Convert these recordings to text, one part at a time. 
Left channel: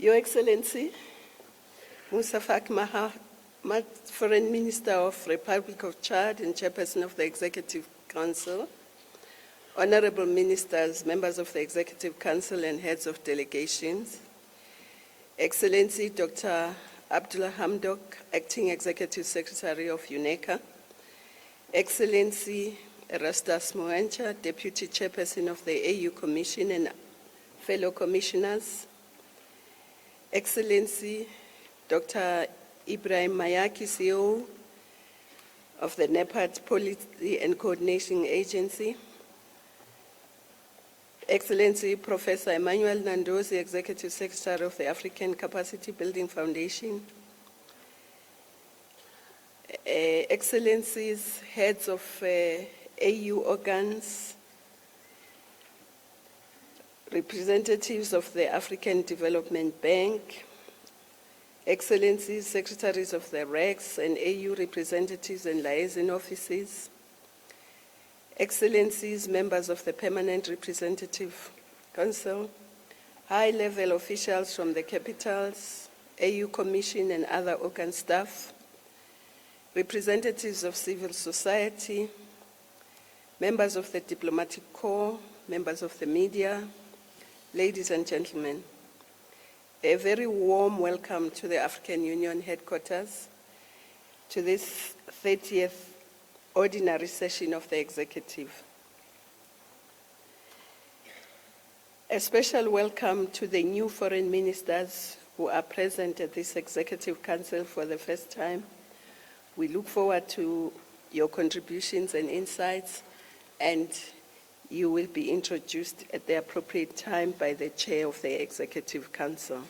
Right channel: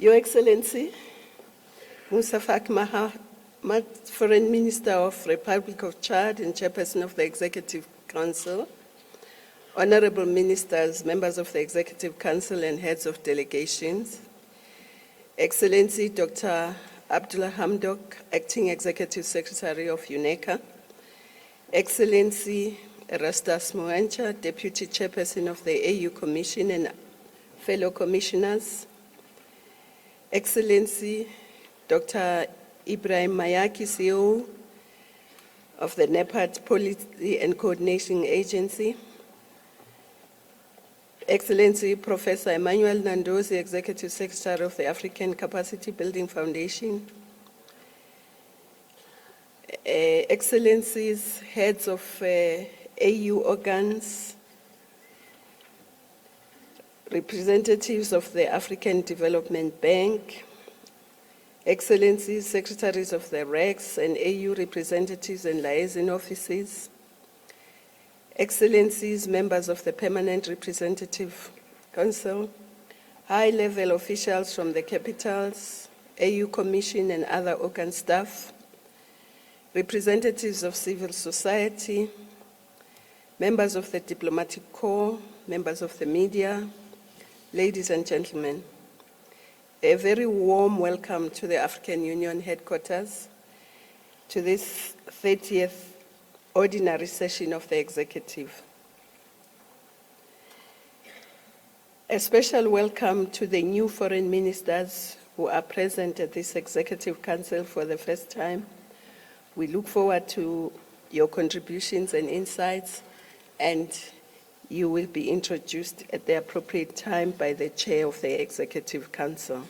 Your Excellency, Musa Faki Mahamat, Foreign Minister of Republic of Chad and Chairperson of the Executive Council, Honorable Ministers, members of the Executive Council and heads of delegations, Excellency Dr. Abdullah Hamdok, Acting Executive Secretary of UNECA, Excellency Erastus Moancha, Deputy Chairperson of the AU Commission and fellow commissioners, Excellency Dr. Ibrahim Mayaki, CEO of the NEPAD Policy and Coordination Agency, Excellency Professor Emmanuel Nandozi, Executive Secretary of the African Capacity Building Foundation, Excellencies, heads of AU organs, representatives of the African Development Bank, Excellencies, secretaries of the REX and AU representatives and liaison offices, Excellencies, members of the Permanent Representative Council, high-level officials from the capitals, AU Commission and other organ staff, representatives of civil society, members of the diplomatic corps, members of the media, ladies and gentlemen, a very warm welcome to the African Union headquarters, to this 30th ordinary session of the Executive. A special welcome to the new foreign ministers who are present at this Executive Council for the first time. We look forward to your contributions and insights, and you will be introduced at the appropriate time by the Chair of the Executive Council.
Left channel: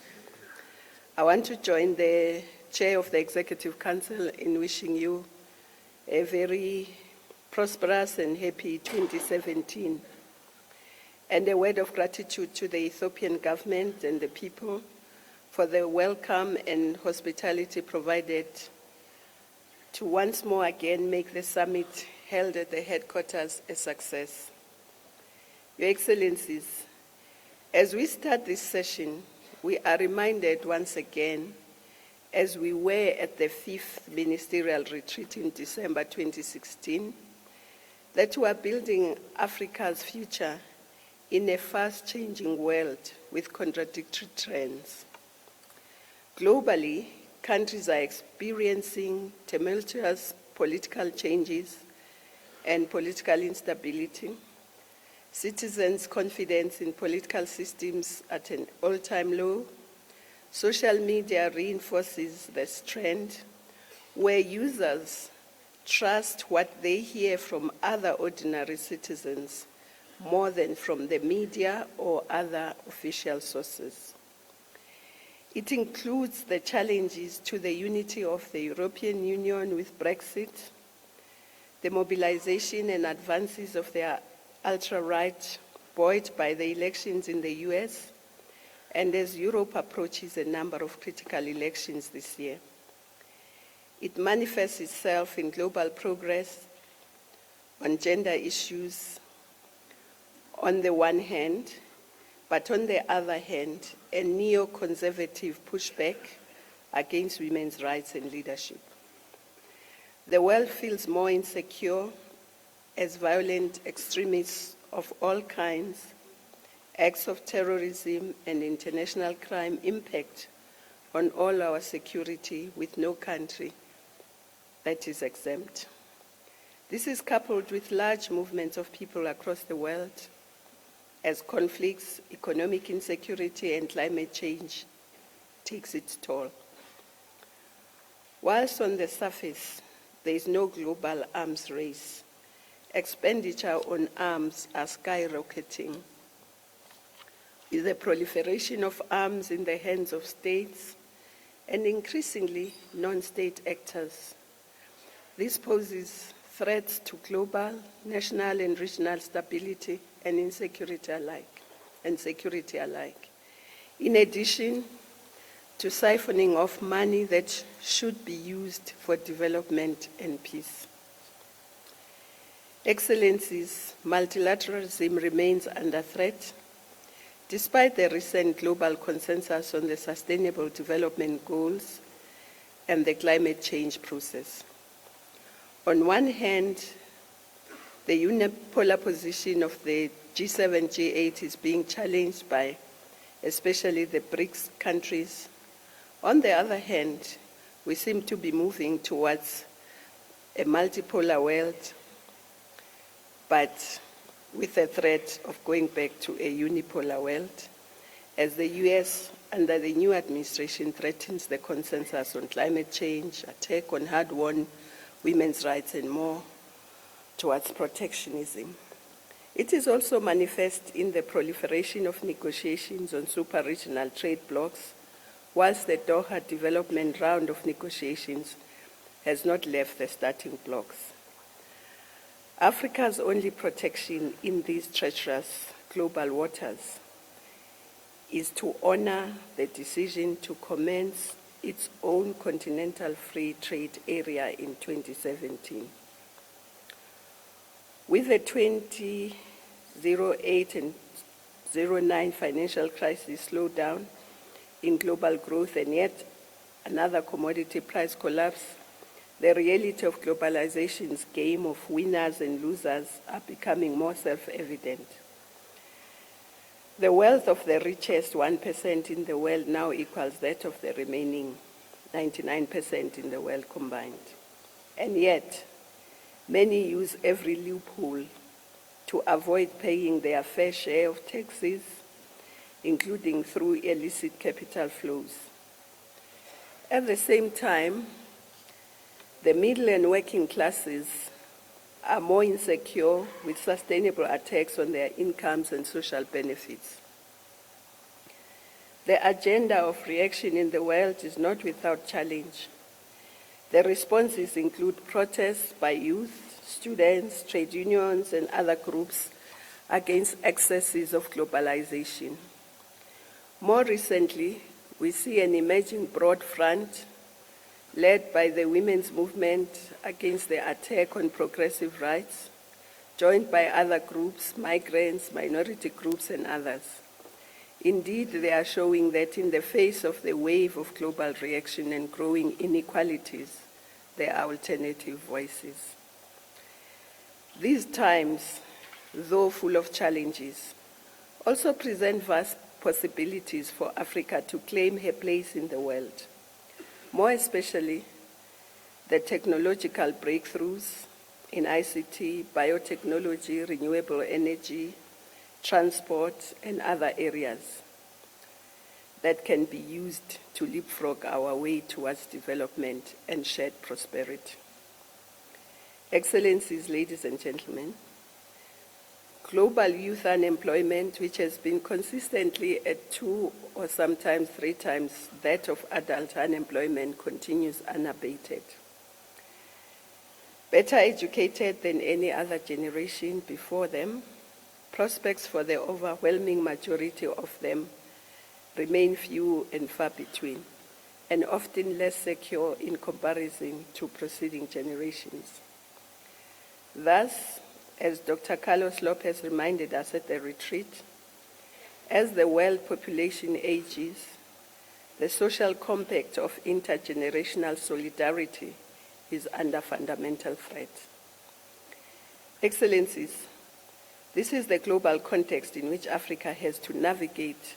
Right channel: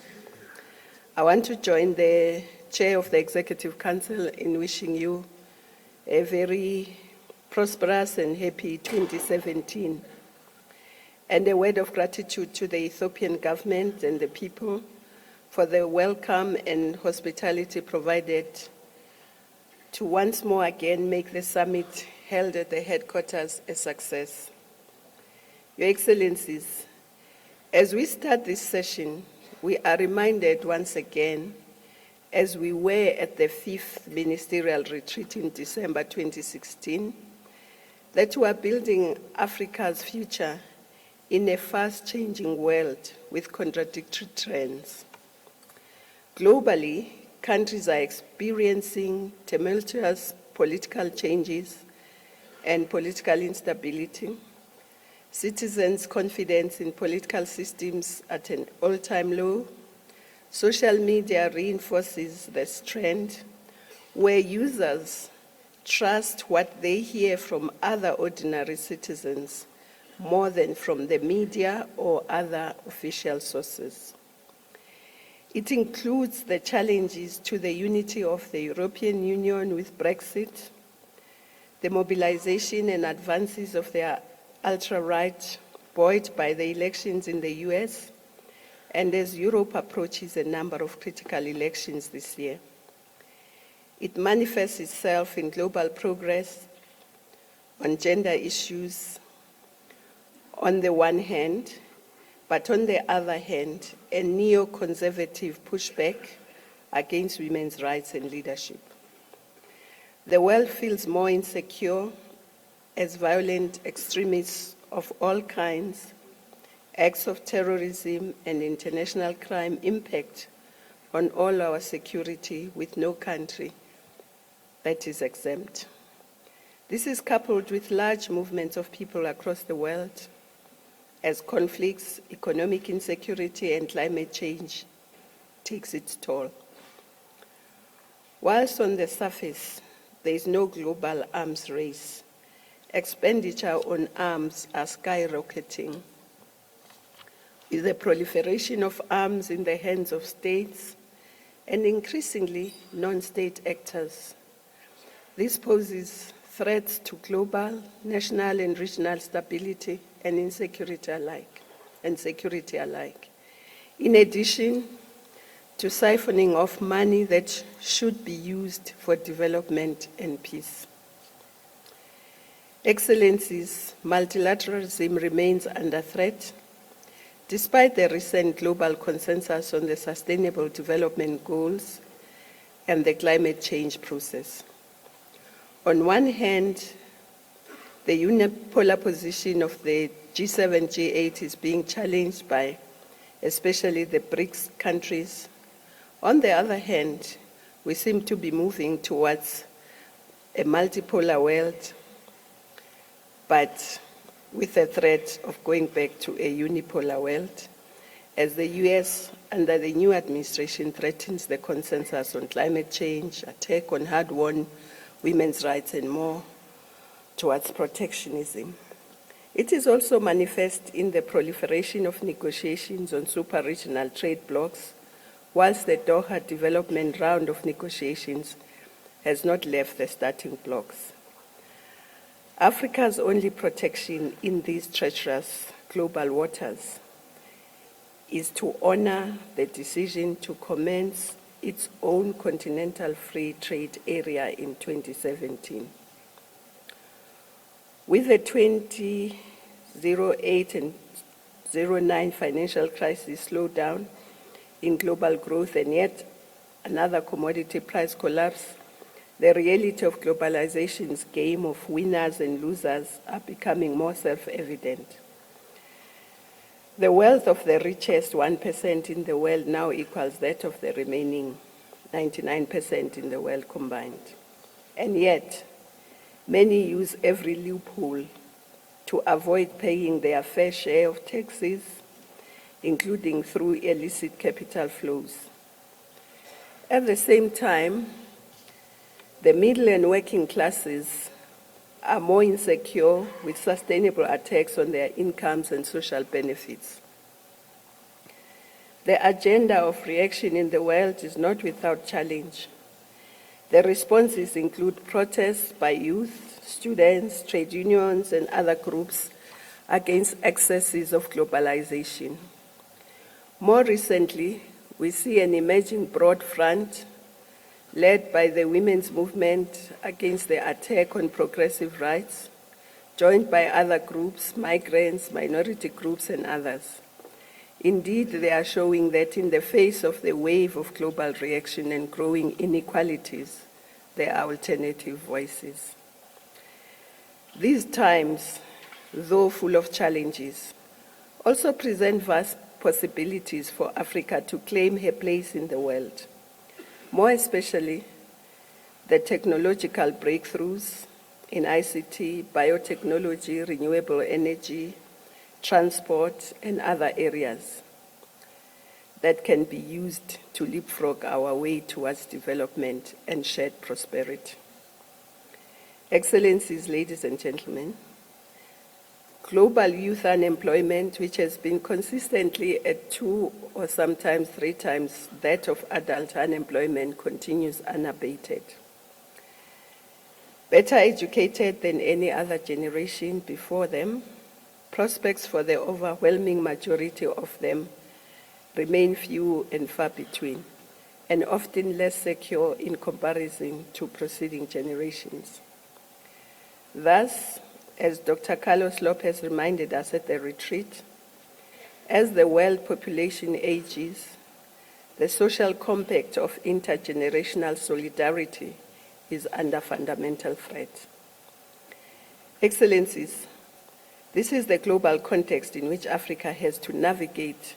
I want to join the Chair of the Executive Council in wishing you a very prosperous and happy 2017, and a word of gratitude to the Ethiopian government and the people for the welcome and hospitality provided to once more again make the summit held at the headquarters a success. Your Excellencies, as we start this session, we are reminded once again, as we were at the 5th Ministerial Retreat in December 2016, that we are building Africa's future in a fast-changing world with contradictory trends. Globally, countries are experiencing tumultuous political changes and political instability. Citizens' confidence in political systems at an all-time low. Social media reinforces this trend where users trust what they hear from other ordinary citizens more than from the media or other official sources. It includes the challenges to the unity of the European Union with Brexit, the mobilization and advances of the ultra-right buoyed by the elections in the US, and as Europe approaches a number of critical elections this year. It manifests itself in global progress on gender issues on the one hand, but on the other hand, a neoconservative pushback against women's rights and leadership. The world feels more insecure as violent extremists of all kinds, acts of terrorism and international crime impact on all our security, with no country that is exempt. This is coupled with large movements of people across the world as conflicts, economic insecurity and climate change takes its toll. Whilst on the surface, there is no global arms race, expenditure on arms are skyrocketing, with the proliferation of arms in the hands of states and increasingly non-state actors. This poses threats to global, national and regional stability and security alike. In addition to siphoning off money that should be used for development and peace. Excellencies, multilateralism remains under threat. Despite the recent global consensus on the Sustainable Development Goals and the climate change process, on one hand, the unipolar position of the G7, G8 is being challenged by especially the BRICS countries. On the other hand, we seem to be moving towards a multipolar world, but with the threat of going back to a unipolar world, as the US, under the new administration, threatens the consensus on climate change, attack on hard-won women's rights, and more towards protectionism. It is also manifest in the proliferation of negotiations on super-regional trade blocs, whilst the Doha development round of negotiations has not left the starting blocks. Africa's only protection in these treacherous global waters is to honor the decision to commence its own continental free trade area in 2017. With the 2008 and 2009 financial crisis slowdown in global growth and yet another commodity price collapse, the reality of globalization's game of winners and losers are becoming more self-evident. The wealth of the richest 1% in the world now equals that of the remaining 99% in the world combined. And yet, many use every loophole to avoid paying their fair share of taxes, including through illicit capital flows. At the same time, the middle and working classes are more insecure with sustainable attacks on their incomes and social benefits. The agenda of reaction in the world is not without challenge. The responses include protests by youth, students, trade unions, and other groups against excesses of globalization. More recently, we see an emerging broad front led by the women's movement against the attack on progressive rights, joined by other groups, migrants, minority groups, and others. Indeed, they are showing that in the face of the wave of global reaction and growing inequalities, there are alternative voices. These times, though full of challenges, also present vast possibilities for Africa to claim her place in the world. More especially, the technological breakthroughs in ICT, biotechnology, renewable energy, transport, and other areas that can be used to leapfrog our way towards development and shared prosperity. Excellencies, ladies and gentlemen, global youth unemployment, which has been consistently at 2 or sometimes 3 times that of adult unemployment, continues unabated. Better educated than any other generation before them, prospects for the overwhelming majority of them remain few and far between, and often less secure in comparison to preceding generations. Thus, as Dr. Carlos Lopez reminded us at the retreat, as the world population ages, the social compact of intergenerational solidarity is under fundamental threat. Excellencies, this is the global context in which Africa has to navigate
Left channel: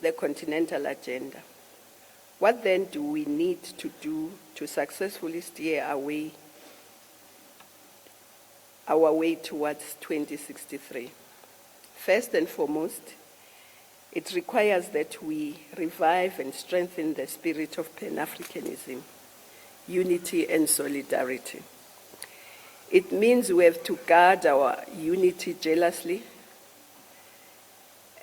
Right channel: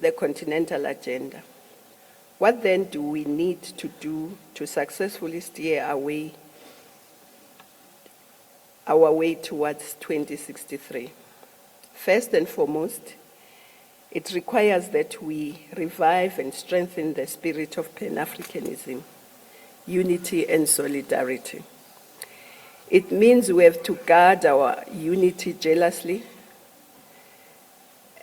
the continental agenda. What then do we need to do to successfully steer our way towards 2063? First and foremost, it requires that we revive and strengthen the spirit of Pan-Africanism, unity and solidarity. It means we have to guard our unity jealously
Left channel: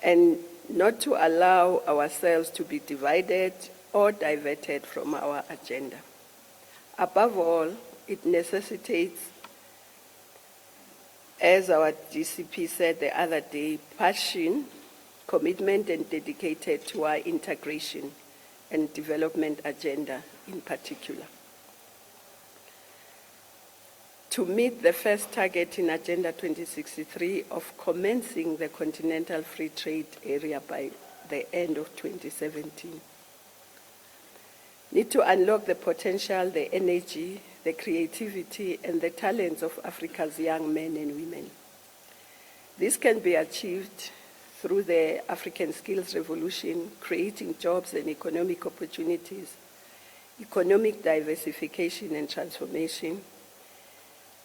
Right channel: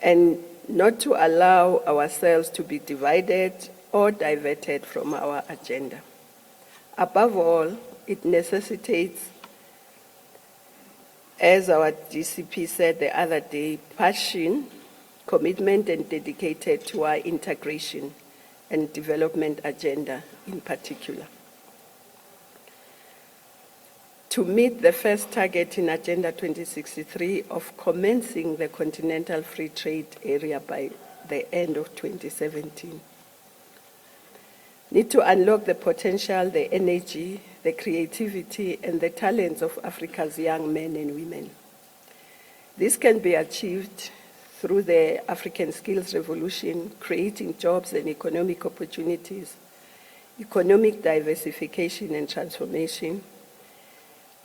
and not to allow ourselves to be divided or diverted from our agenda. Above all, it necessitates, as our GCP said the other day, passion, commitment, and dedicated to our integration and development agenda in particular. to meet the first target in Agenda 2063 of commencing the Continental Free Trade Area by the end of 2017. Need to unlock the potential, the energy, the creativity, and the talents of Africa's young men and women. This can be achieved through the African Skills Revolution, creating jobs and economic opportunities, economic diversification and transformation,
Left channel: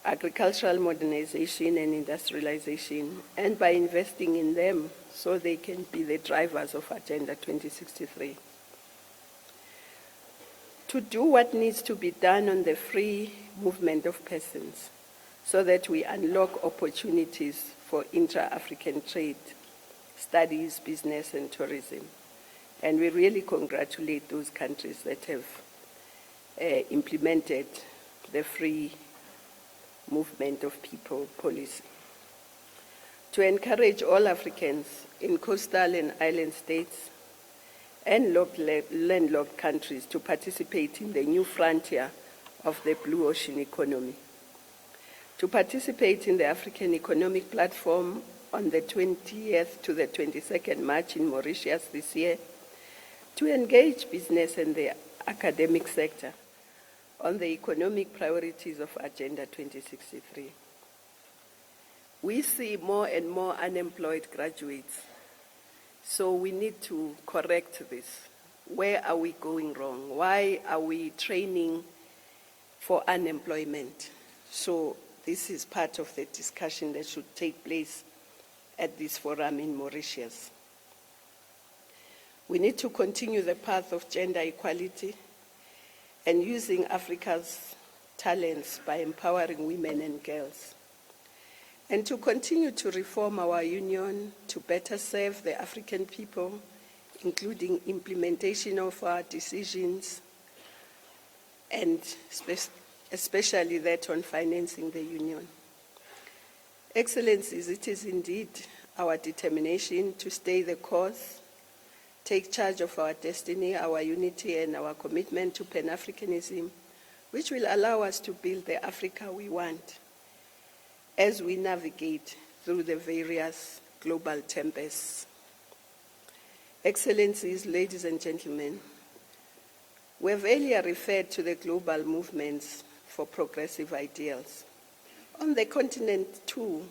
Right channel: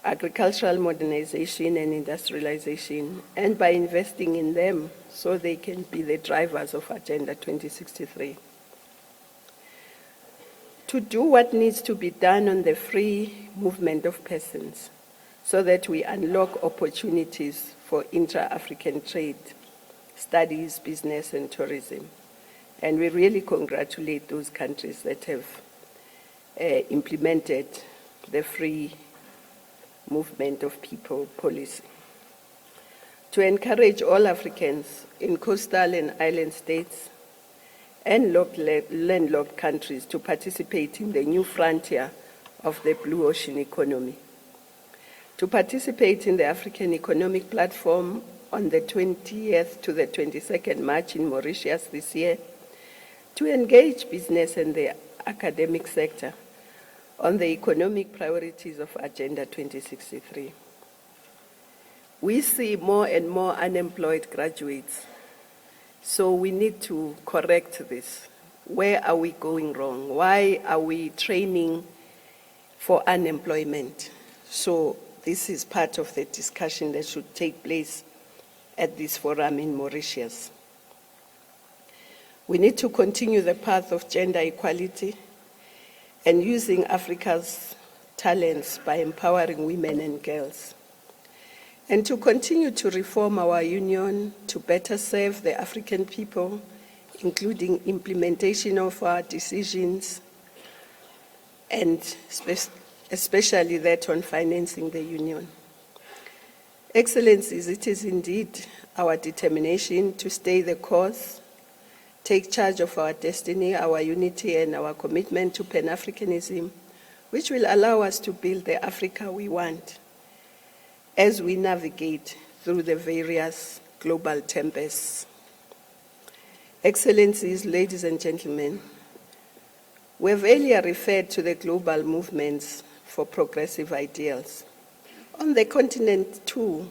agricultural modernization and industrialization, and by investing in them so they can be the drivers of Agenda 2063. To do what needs to be done on the free movement of persons so that we unlock opportunities for intra-African trade, studies, business, and tourism. And we really congratulate those countries that have implemented the free movement of people policy. To encourage all Africans in coastal and island states and landlocked countries to participate in the new frontier of the blue ocean economy. To participate in the African Economic Platform on the 20th to the 22nd March in Mauritius this year, to engage business and the academic sector on the economic priorities of Agenda 2063. We see more and more unemployed graduates, so we need to correct this. Where are we going wrong? Why are we training for unemployment? So this is part of the discussion that should take place at this forum in Mauritius. We need to continue the path of gender equality and using Africa's talents by empowering women and girls. And to continue to reform our union to better serve the African people, including implementation of our decisions, and especially that on financing the union. Excellencies, it is indeed our determination to stay the course, take charge of our destiny, our unity, and our commitment to Pan-Africanism, which will allow us to build the Africa we want as we navigate through the various global tempests. Excellencies, ladies and gentlemen, we have earlier referred to the global movements for progressive ideals. On the continent too,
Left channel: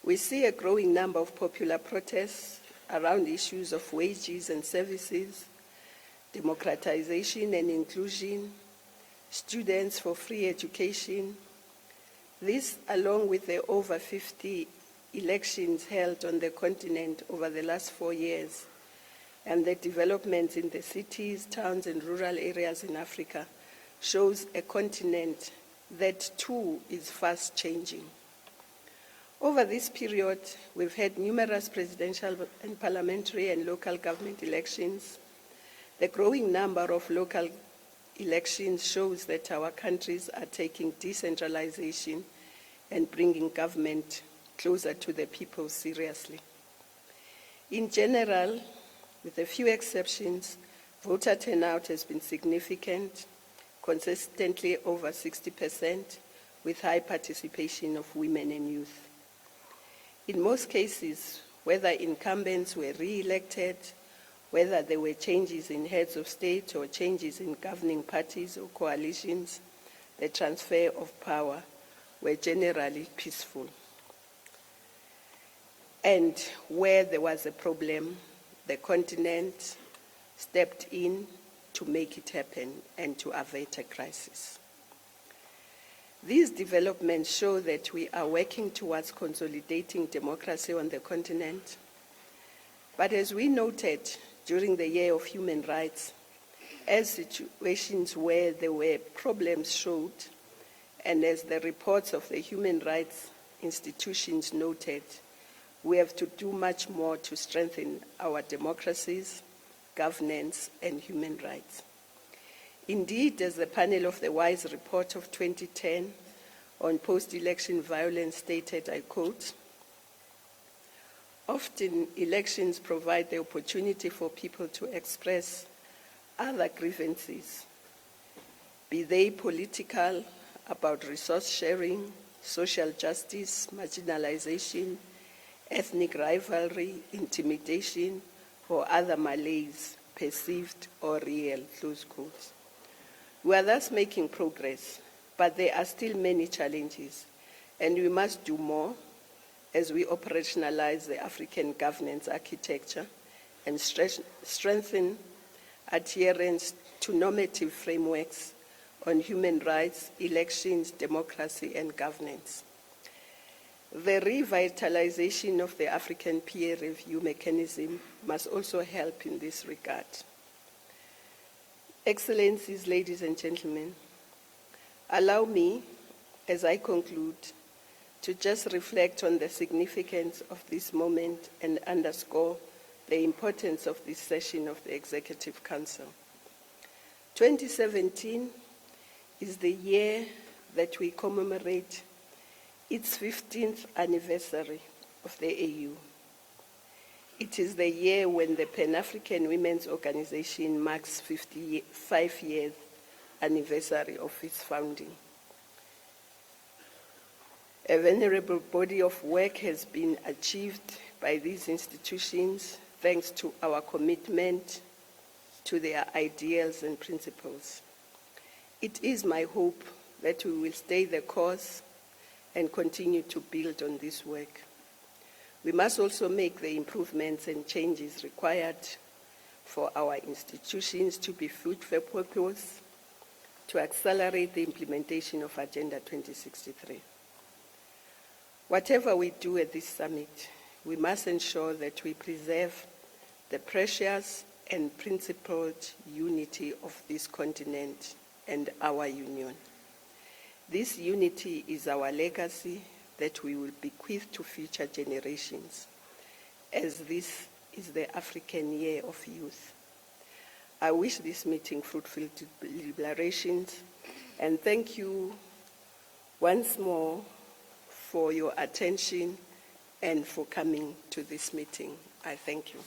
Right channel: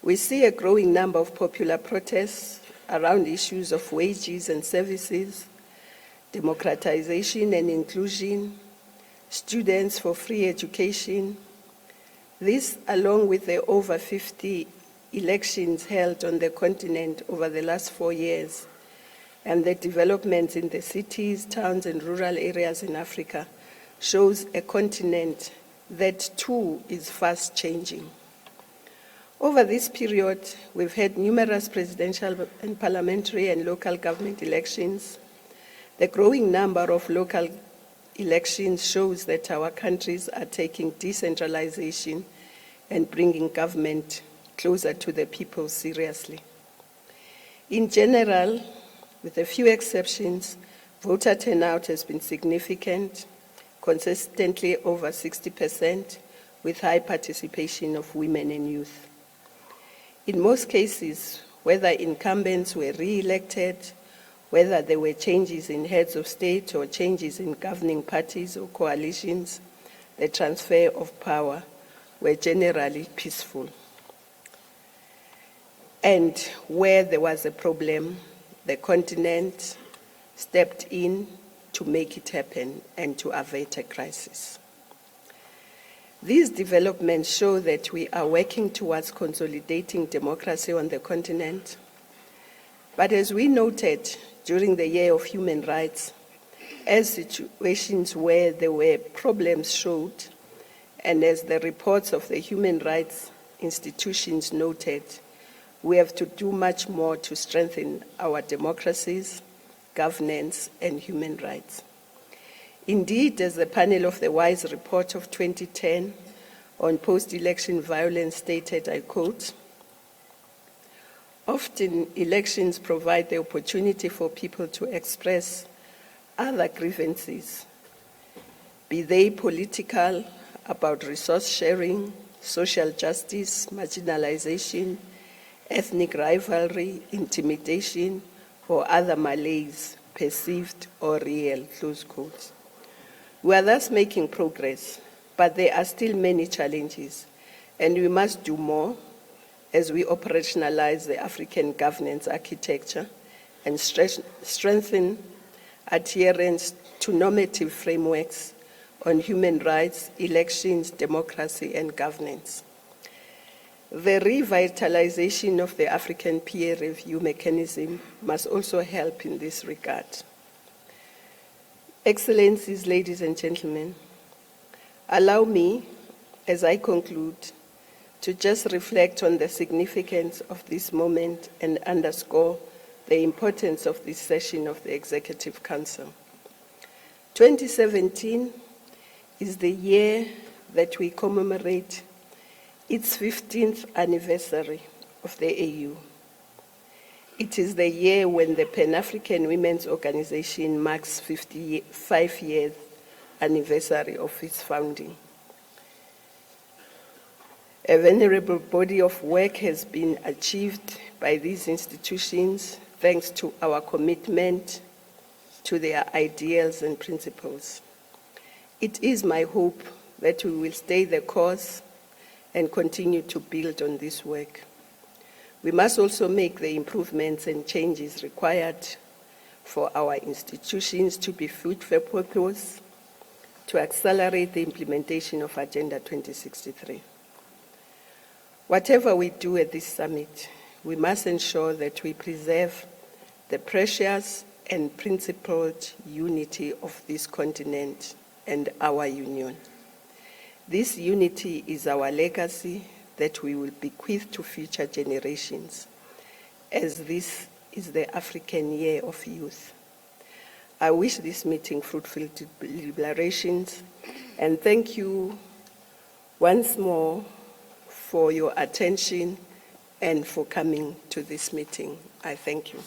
we see a growing number of popular protests around issues of wages and services, democratization and inclusion, students for free education. This, along with the over 50 elections held on the continent over the last 4 years, and the developments in the cities, towns, and rural areas in Africa, shows a continent that too is fast changing. Over this period, we've had numerous presidential and parliamentary and local government elections. The growing number of local elections shows that our countries are taking decentralization and bringing government closer to the people seriously. In general, with a few exceptions, voter turnout has been significant, consistently over 60%, with high participation of women and youth. In most cases, whether incumbents were re-elected, whether there were changes in heads of state or changes in governing parties or coalitions, the transfer of power were generally peaceful. And where there was a problem, the continent stepped in to make it happen and to avert a crisis. These developments show that we are working towards consolidating democracy on the continent. But as we noted during the Year of Human Rights, as situations where there were problems showed, and as the reports of the human rights institutions noted, we have to do much more to strengthen our democracies, governance, and human rights. Indeed, as the panel of the WISE report of 2010 on post-election violence stated, I quote, "Often elections provide the opportunity for people to express other grievances, be they political, about resource sharing, social justice, marginalization, ethnic rivalry, intimidation, or other malaise, perceived or real, close quotes. We are thus making progress, but there are still many challenges, and we must do more as we operationalize the African governance architecture and strengthen adherence to normative frameworks on human rights, elections, democracy, and governance. The revitalization of the African peer review mechanism must also help in this regard. Excellencies, ladies and gentlemen, allow me, as I conclude, to just reflect on the significance of this moment and underscore the importance of this session of the Executive Council. 2017 is the year that we commemorate its 15th anniversary of the AU. It is the year when the Pan-African Women's Organization marks 55 years anniversary of its founding. A venerable body of work has been achieved by these institutions thanks to our commitment to their ideals and principles. It is my hope that we will stay the course and continue to build on this work. We must also make the improvements and changes required for our institutions to be fit for purpose, to accelerate the implementation of Agenda 2063. Whatever we do at this summit, we must ensure that we preserve the precious and principled unity of this continent and our union. This unity is our legacy that we will bequeath to future generations, as this is the African Year of Youth. I wish this meeting fruitful deliberations, and thank you once more for your attention and for coming to this meeting. I thank you.